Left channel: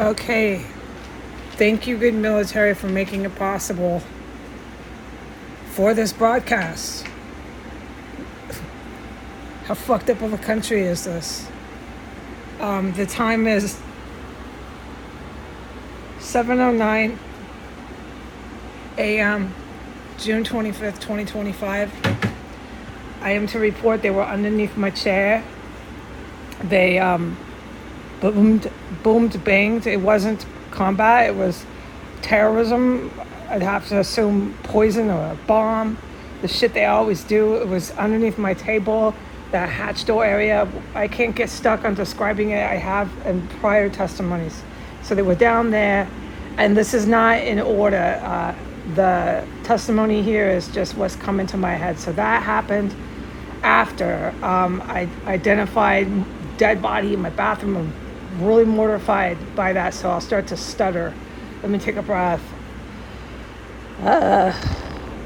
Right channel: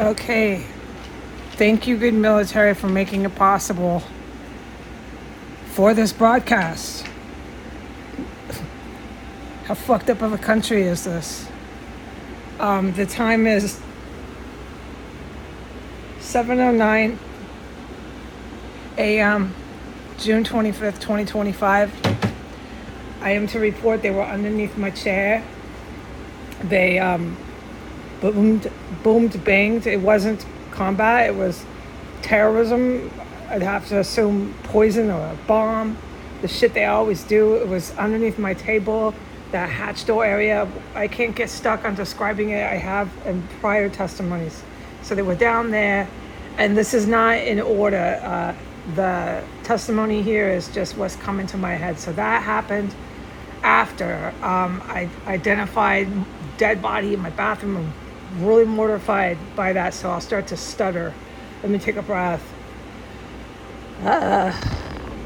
Okay. Thank you, good military, for making it possible for this broadcast. How fucked up of a country is this? The time is 7:09 a.m., June 25th, 2025. I am to report they were underneath my chair. They boomed, banged. It wasn't combat, it was terrorism. I'd have to assume poison or a bomb. The shit they always do. It was underneath my table, that hatch door area. I can't get stuck on describing it. I have in prior testimonies. So they were down there, and this is not in order. The testimony here is just what's coming to my head. So that happened after I identified dead body in my bathroom. I'm really mortified by that, so I'll start to stutter. Let me take a breath.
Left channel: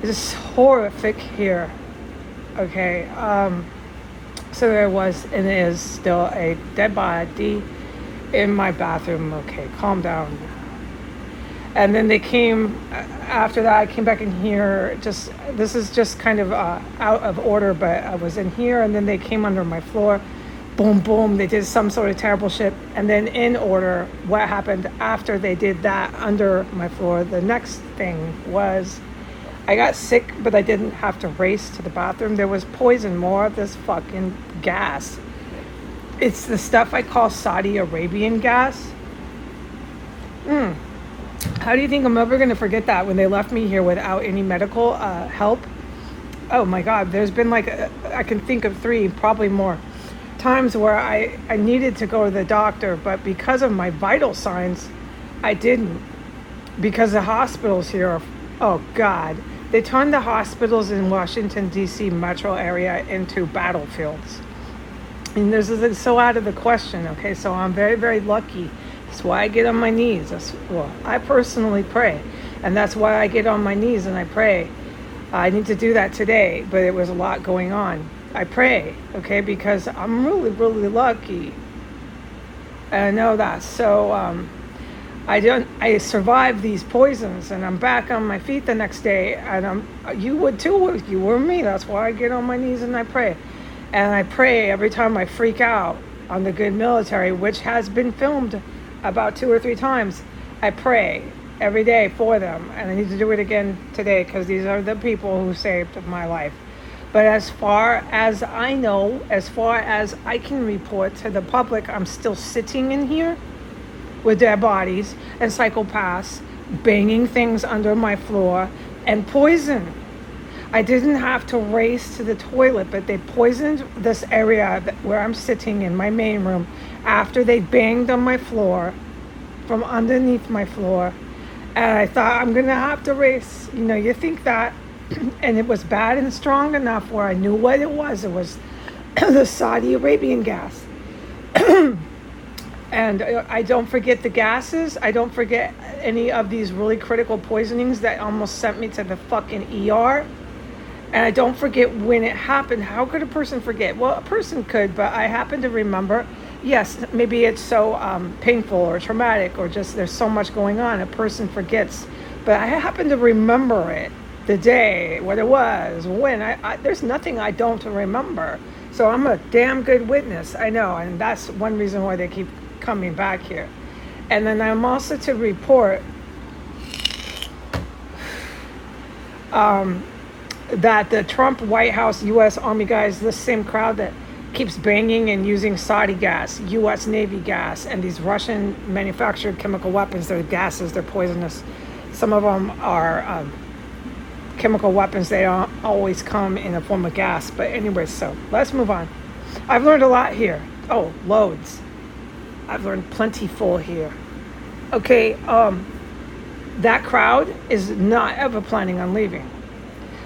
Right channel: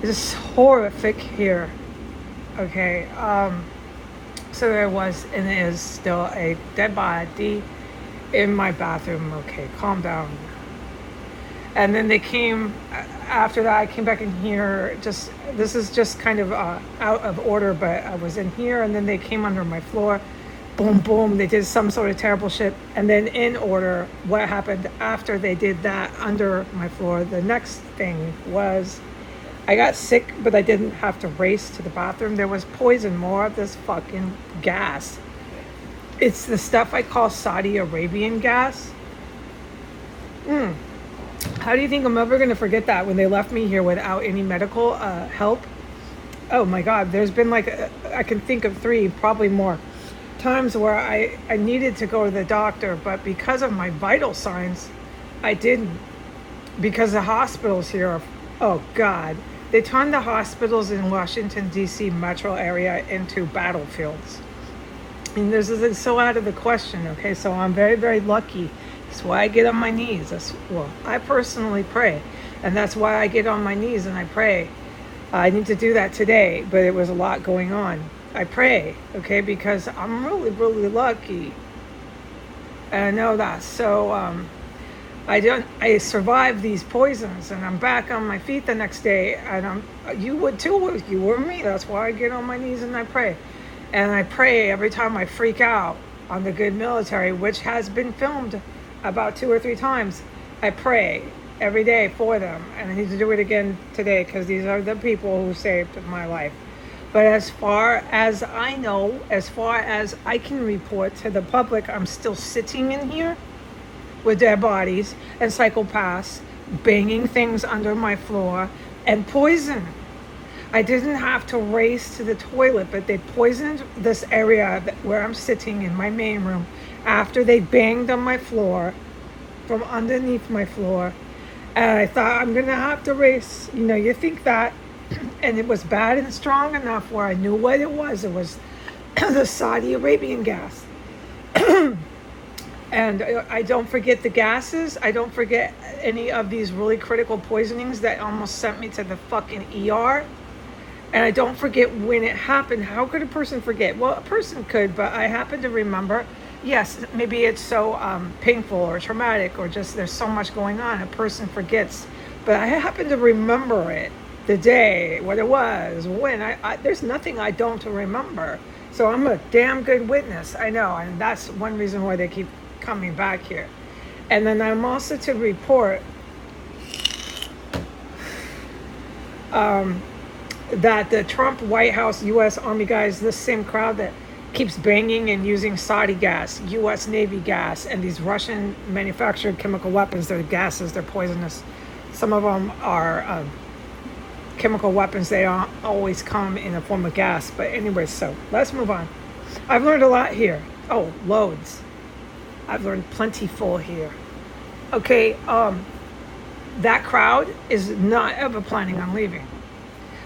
It's horrific here. Okay, so there was and is still a dead body in my bathroom. Okay, calm down. And then they came after that. I came back in here. This is just kind of out of order, but I was in here, and then they came under my floor. Boom, boom. They did some sort of terrible shit. And then in order, what happened after they did that under my floor, the next thing was I got sick, but I didn't have to race to the bathroom. There was poison, more of this fucking gas. It's the stuff I call Saudi Arabian gas. How do you think I'm ever going to forget that when they left me here without any medical help? Oh my God, there's been I can think of 3, probably more, times where I needed to go to the doctor, but because of my vital signs, I didn't. Because the hospitals here are, oh God, they turned the hospitals in Washington, D.C. metro area into battlefields. And this is so out of the question, okay? So I'm very, very lucky. That's why I get on my knees. I personally pray. And that's why I get on my knees and I pray. I need to do that today, but it was a lot going on. I pray, okay, because I'm really, really lucky. And I know that. So I survived these poisons, and I'm back on my feet the next day. And you would too if you were me. That's why I get on my knees and I pray. And I pray every time I freak out on the good military, which has been filmed about 2 or 3 times. I pray every day for them, and I need to do it again today because these are the people who saved my life. But as far as I know, as far as I can report to the public, I'm still sitting in here with dead bodies and psychopaths banging things under my floor and poison. I didn't have to race to the toilet, but they poisoned this area where I'm sitting in my main room after they banged on my floor from underneath my floor. And I thought, I'm going to have to race. You think that. And it was bad and strong enough where I knew what it was. It was the Saudi Arabian gas. And I don't forget the gases. I don't forget any of these really critical poisonings that almost sent me to the fucking ER. And I don't forget when it happened. How could a person forget? Well, a person could, but I happen to remember. Yes, maybe it's so painful or traumatic or just there's so much going on. A person forgets. But I happen to remember it. The day, what it was, when. There's nothing I don't remember. So I'm a damn good witness. I know. And that's one reason why they keep coming back here. And then I'm also to report that the Trump White House U.S. Army guys, this same crowd that keeps banging and using Saudi gas, U.S. Navy gas, and these Russian manufactured chemical weapons, they're gases, they're poisonous. Some of them are chemical weapons. They don't always come in the form of gas. But anyway, so let's move on. I've learned a lot here. Oh, loads. I've learned plentiful here. Okay, that crowd is not ever planning on leaving.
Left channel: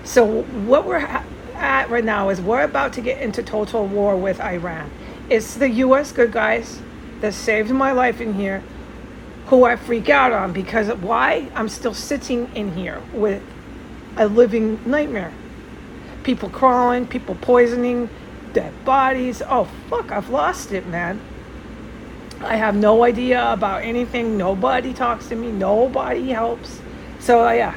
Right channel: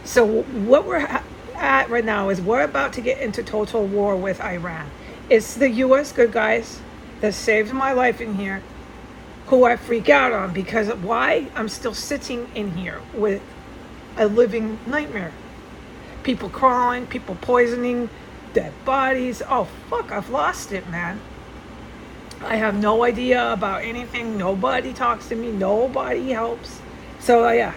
So what we're at right now is we're about to get into total war with Iran. It's the U.S. good guys that saved my life in here, who I freak out on because why? I'm still sitting in here with a living nightmare. People crawling, people poisoning, dead bodies. Oh, fuck, I've lost it, man. I have no idea about anything. Nobody talks to me. Nobody helps. So yeah,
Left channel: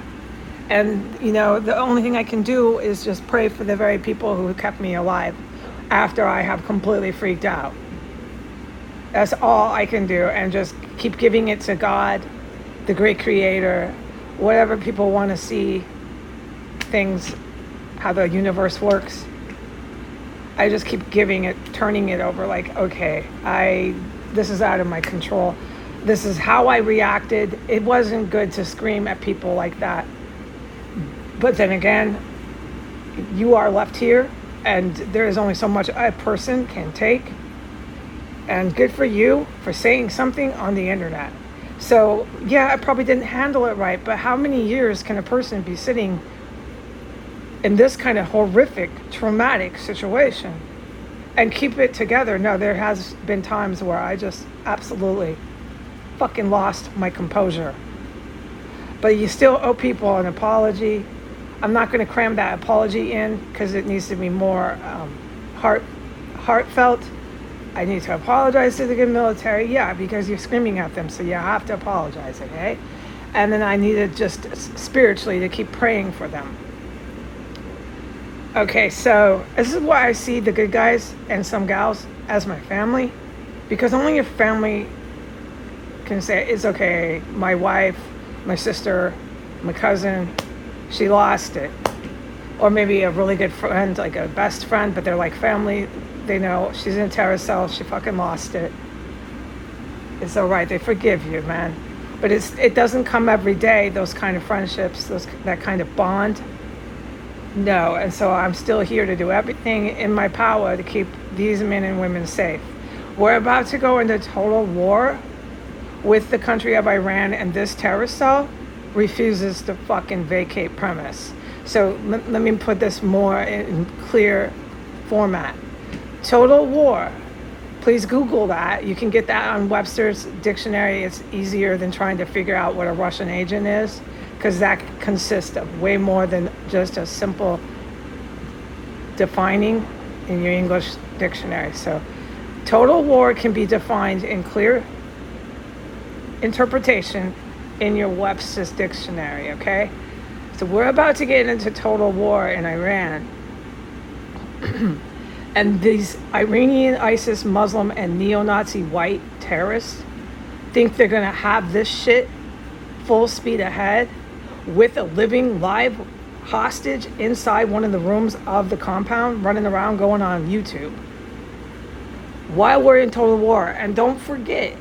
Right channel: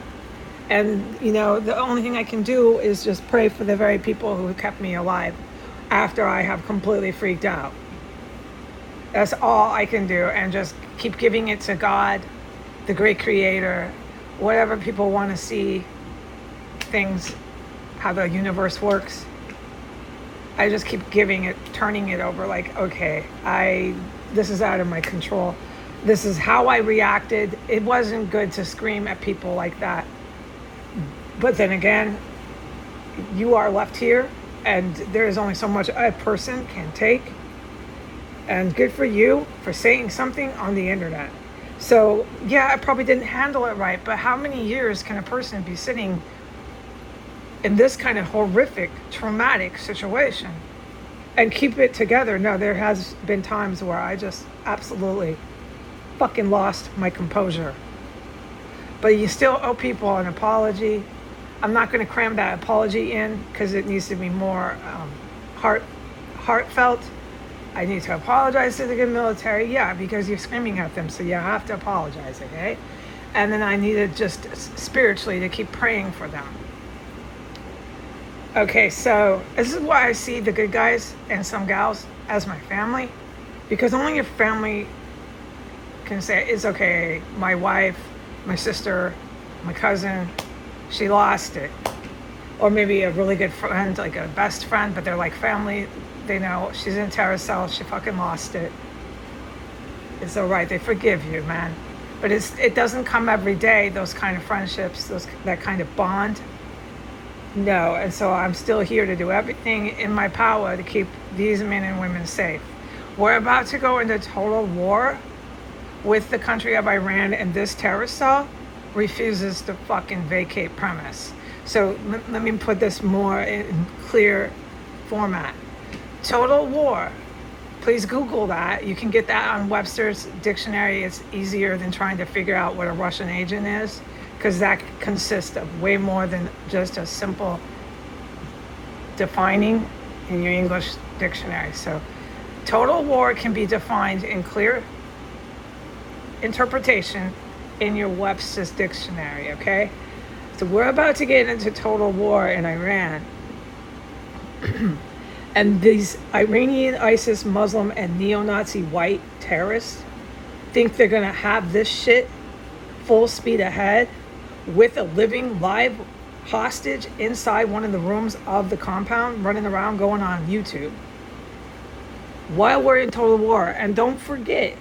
and the only thing I can do is just pray for the very people who kept me alive after I have completely freaked out. That's all I can do, and just keep giving it to God, the great creator, whatever people want to see things, how the universe works. I just keep giving it, turning it over like, okay, this is out of my control. This is how I reacted. It wasn't good to scream at people like that. But then again, you are left here, and there is only so much a person can take. And good for you for saying something on the internet. So yeah, I probably didn't handle it right, but how many years can a person be sitting in this kind of horrific, traumatic situation and keep it together? No, there has been times where I just absolutely fucking lost my composure. But you still owe people an apology. I'm not going to cram that apology in because it needs to be more heartfelt. I need to apologize to the good military. Yeah, because you're screaming at them, so you have to apologize, okay? And then I needed just spiritually to keep praying for them. Okay, so this is why I see the good guys and some gals as my family, because only your family can say it's okay. My wife, my sister, my cousin, she lost it. Or maybe a really good friend, like a best friend, but they're like family. They know she's in a terror cell. She fucking lost it. It's all right. They forgive you, man. But it doesn't come every day, those kind of friendships, that kind of bond. No, and so I'm still here to do everything in my power to keep these men and women safe. We're about to go into total war with the country of Iran, and this terror cell refuses to fucking vacate premise. So let me put this more in clear format. Total war. Please Google that. You can get that on Webster's dictionary. It's easier than trying to figure out what a Russian agent is, because that consists of way more than just a simple defining in your English dictionary. So total war can be defined in clear interpretation in your Webster's dictionary, okay? So we're about to get into total war in Iran. And these Iranian ISIS Muslim and neo-Nazi white terrorists think they're going to have this shit full speed ahead with a living live hostage inside one of the rooms of the compound running around going on YouTube while we're in total war. And don't forget,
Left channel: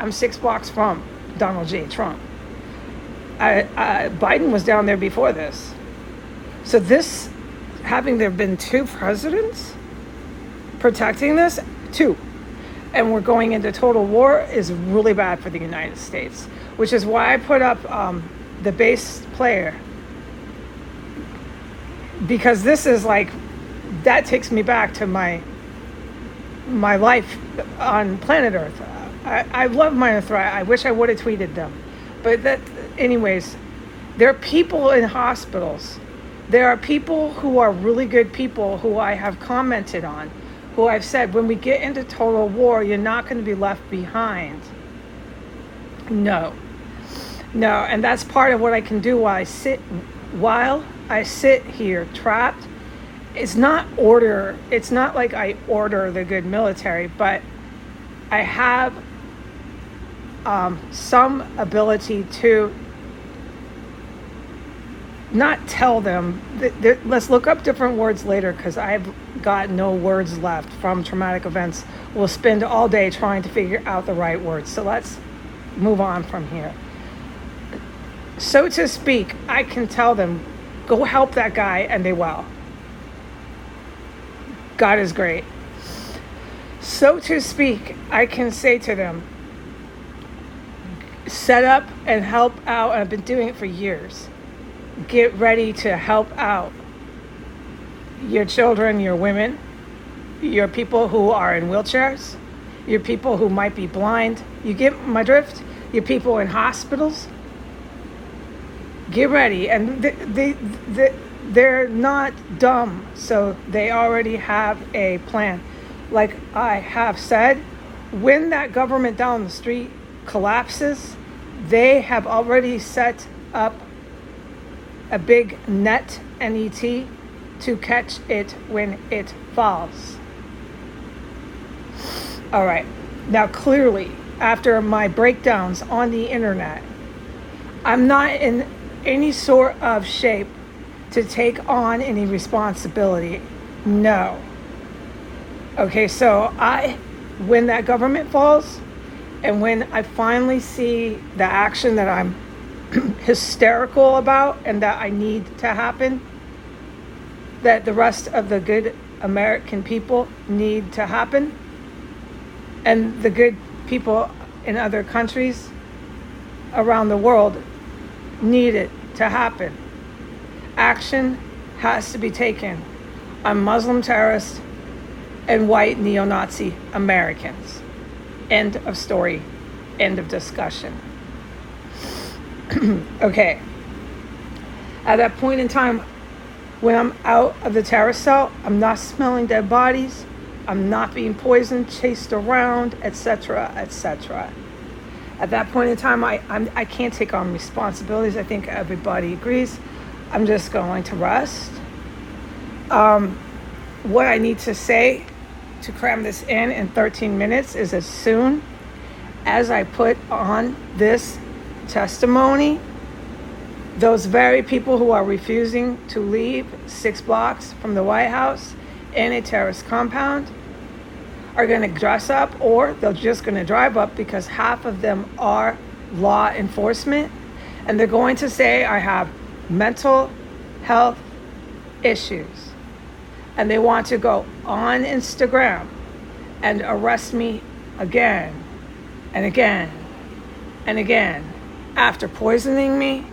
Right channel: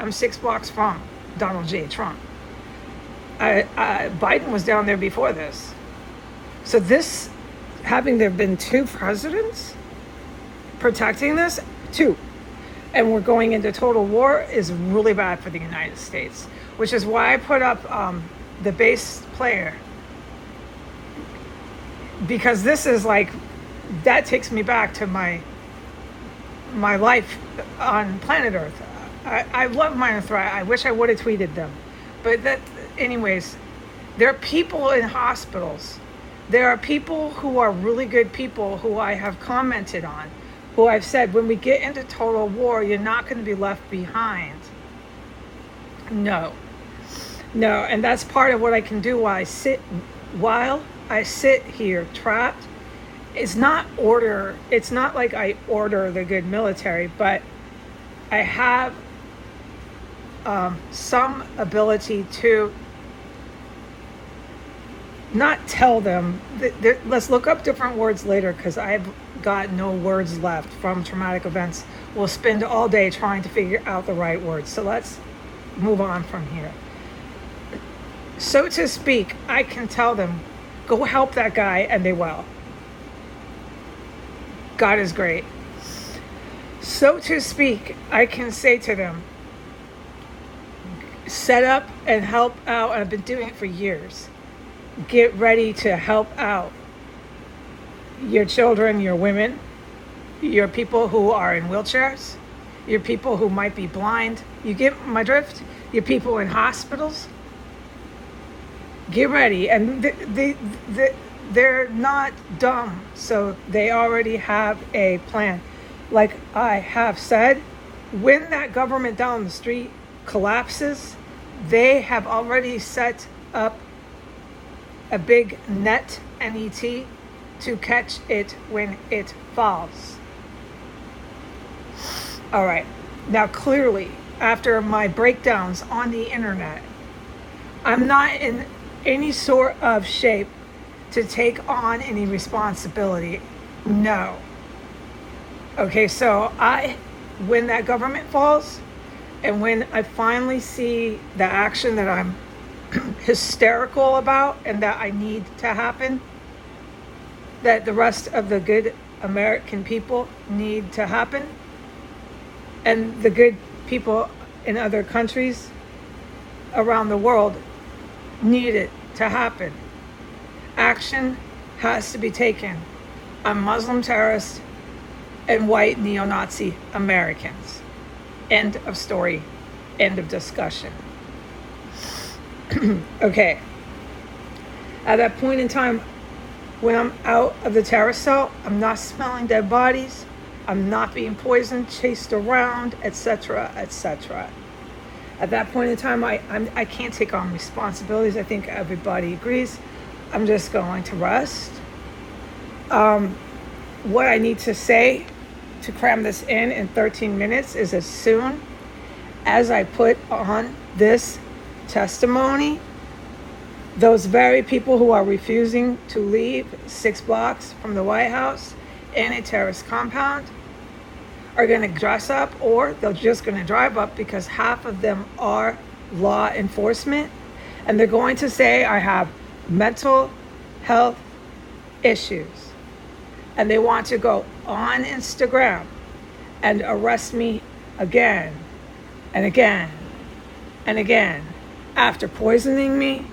I'm 6 blocks from Donald J. Trump. Biden was down there before this. So this, having there been 2 presidents protecting this, 2, and we're going into total war, is really bad for the United States, which is why I put up the bass player, because this is like, that takes me back to my life on planet Earth. I love Minor Threat. I wish I would have tweeted them. But anyways, there are people in hospitals. There are people who are really good people who I have commented on, who I've said, when we get into total war, you're not going to be left behind. No, and that's part of what I can do while I sit here trapped. It's not like I order the good military, but I have some ability to not tell them. Let's look up different words later, because I've got no words left from traumatic events. We'll spend all day trying to figure out the right words. So let's move on from here. So to speak, I can tell them, go help that guy, and they will. God is great. So to speak, I can say to them, set up and help out. I've been doing it for years. Get ready to help out your children, your women, your people who are in wheelchairs, your people who might be blind. You get my drift? Your people in hospitals. Get ready. And they're not dumb, so they already have a plan. Like I have said, when that government down the street collapses, they have already set up a big net, N-E-T, to catch it when it falls. All right. Now, clearly, after my breakdowns on the internet, I'm not in any sort of shape to take on any responsibility. No. Okay, so when that government falls, and when I finally see the action that I'm hysterical about and that I need to happen, that the rest of the good American people need to happen, and the good people in other countries around the world need it to happen. Action has to be taken on Muslim terrorists and white neo-Nazi Americans. End of story. End of discussion. Okay. At that point in time, when I'm out of the terror cell, I'm not smelling dead bodies. I'm not being poisoned, chased around, etc., etc. At that point in time, I can't take on responsibilities. I think everybody agrees. I'm just going to rest. What I need to say to cram this in 13 minutes is, as soon as I put on this testimony, those very people who are refusing to leave 6 blocks from the White House in a terrorist compound are going to dress up, or they're just going to drive up, because half of them are law enforcement, and they're going to say I have mental health issues, and they want to go on Instagram and arrest me again and again and again, after poisoning me,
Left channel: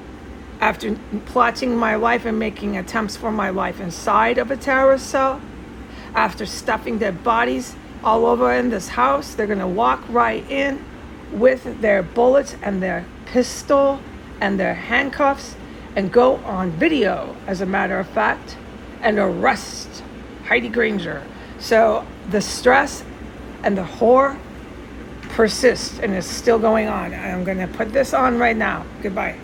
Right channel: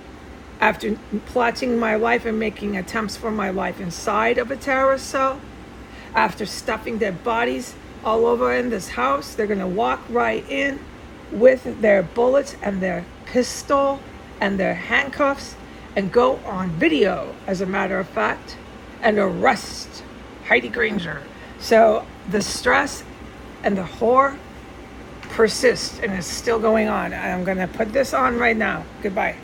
after plotting my life and making attempts for my life inside of a terrorist cell, after stuffing dead bodies all over in this house. They're going to walk right in with their bullets and their pistol and their handcuffs and go on video, as a matter of fact, and arrest Heidi Granger. So the stress and the horror persists, and it's still going on. I'm going to put this on right now. Goodbye.